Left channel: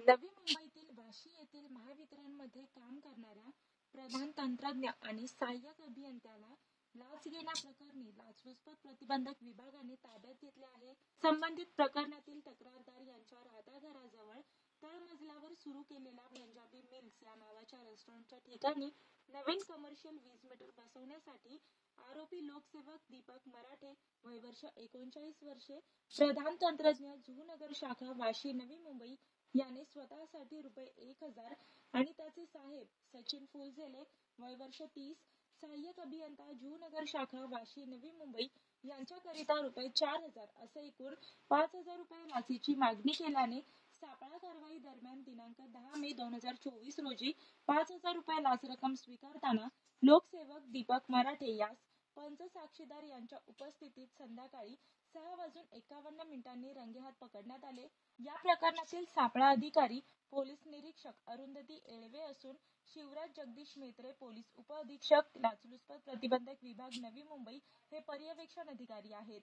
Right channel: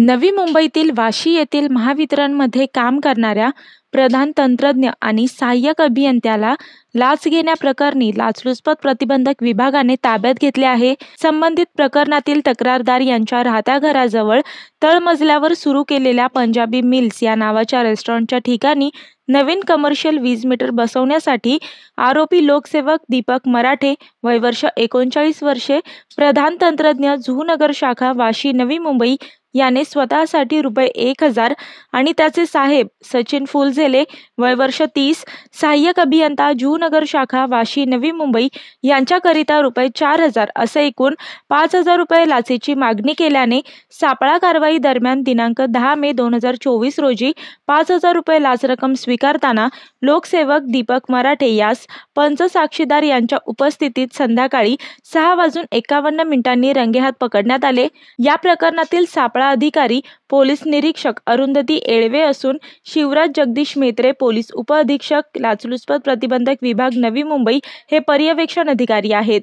नवी मुंबईतील वाशी येथील महावितरणमध्ये काम करणाऱ्या प्रधान तंत्रज्ञ आणि सहाय्यक अभियंत्याला लाच घेण्याप्रकरणी लाचलुचपत प्रतिबंधक विभागाने ताब्यात घेतले आहे. संबंधित प्रकरणातील तक्रारदार यांच्या राहत्या घराजवळ तळमजल्यावर सुरू केलेल्या पंजाबी मिल्स या नावाच्या रेस्टॉरंटच्या ठिकाणी नवीन कमर्शियल वीज मीटर बसवण्यासाठी आरोपी लोकसेवक दीपक मराठे, वय वर्ष 39 वर्षे, प्रधान तंत्रज्ञ, जुहूनगर शाखा, वाशी, नवी मुंबई याने स्वतःसाठी रुपये 1000 आणि त्याचे साहेब सचिन फुलझेले, वय वर्ष 30, सहाय्यक अभियंता, जुहूनगर शाखा, वाशी, नवी मुंबई यांच्याकरिता रुपये 4000 असे एकूण 5000 रुपये लाचेची मागणी केल्याने सापळा कारवाई दरम्यान दिनांक 10 मे 2024 रोजी 5000 रुपये लाच रक्कम स्वीकारताना लोकसेवक दीपक मराठे यास पंच साक्षीदार यांच्या उपस्थितीत संध्याकाळी 6:51 रंगेहात पकडण्यात आले. या प्रकरणातील सापळा अधिकारी पोलीस निरीक्षक अरुंधती येळवे असून शिवराज जगदीश मेत्रे, पोलीस उपअधीक्षक लाचलुचपत प्रतिबंधक विभाग, नवी मुंबई हे पर्यवेक्षण अधिकारी आहेत.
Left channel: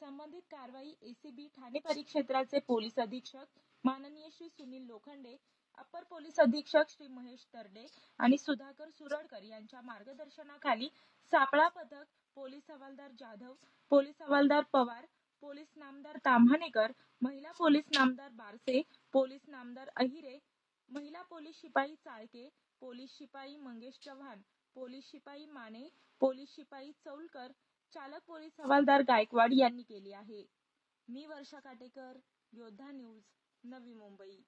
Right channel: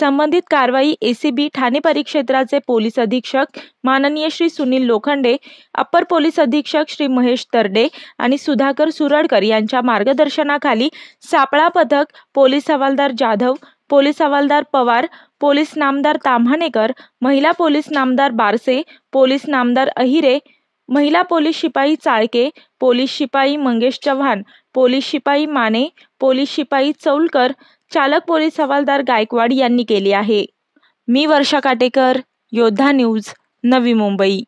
संबंधित कारवाई एसीबी ठाणे परिक्षेत्राचे पोलीस अधीक्षक माननीय श्री सुनील लोखंडे, अप्पर पोलीस अधीक्षक श्री महेश तरडे आणि सुधाकर सुरडकर यांच्या मार्गदर्शनाखाली सापळा पथक, पोलीस हवालदार जाधव, पोलीस हवालदार पवार, पोलीस नामदार ताम्हाणेकर, महिला पोलीस नामदार बारसे, पोलीस नामदार अहिरे, महिला पोलीस शिपाई चाळके, पोलीस शिपाई मंगेश चव्हाण, पोलीस शिपाई माने, पोलीस शिपाई चौलकर, चालक पोलीस हवालदार गायकवाड यांनी केली आहे. मी वर्षा काटेकर, योद्धा न्यूज, नवी मुंबई.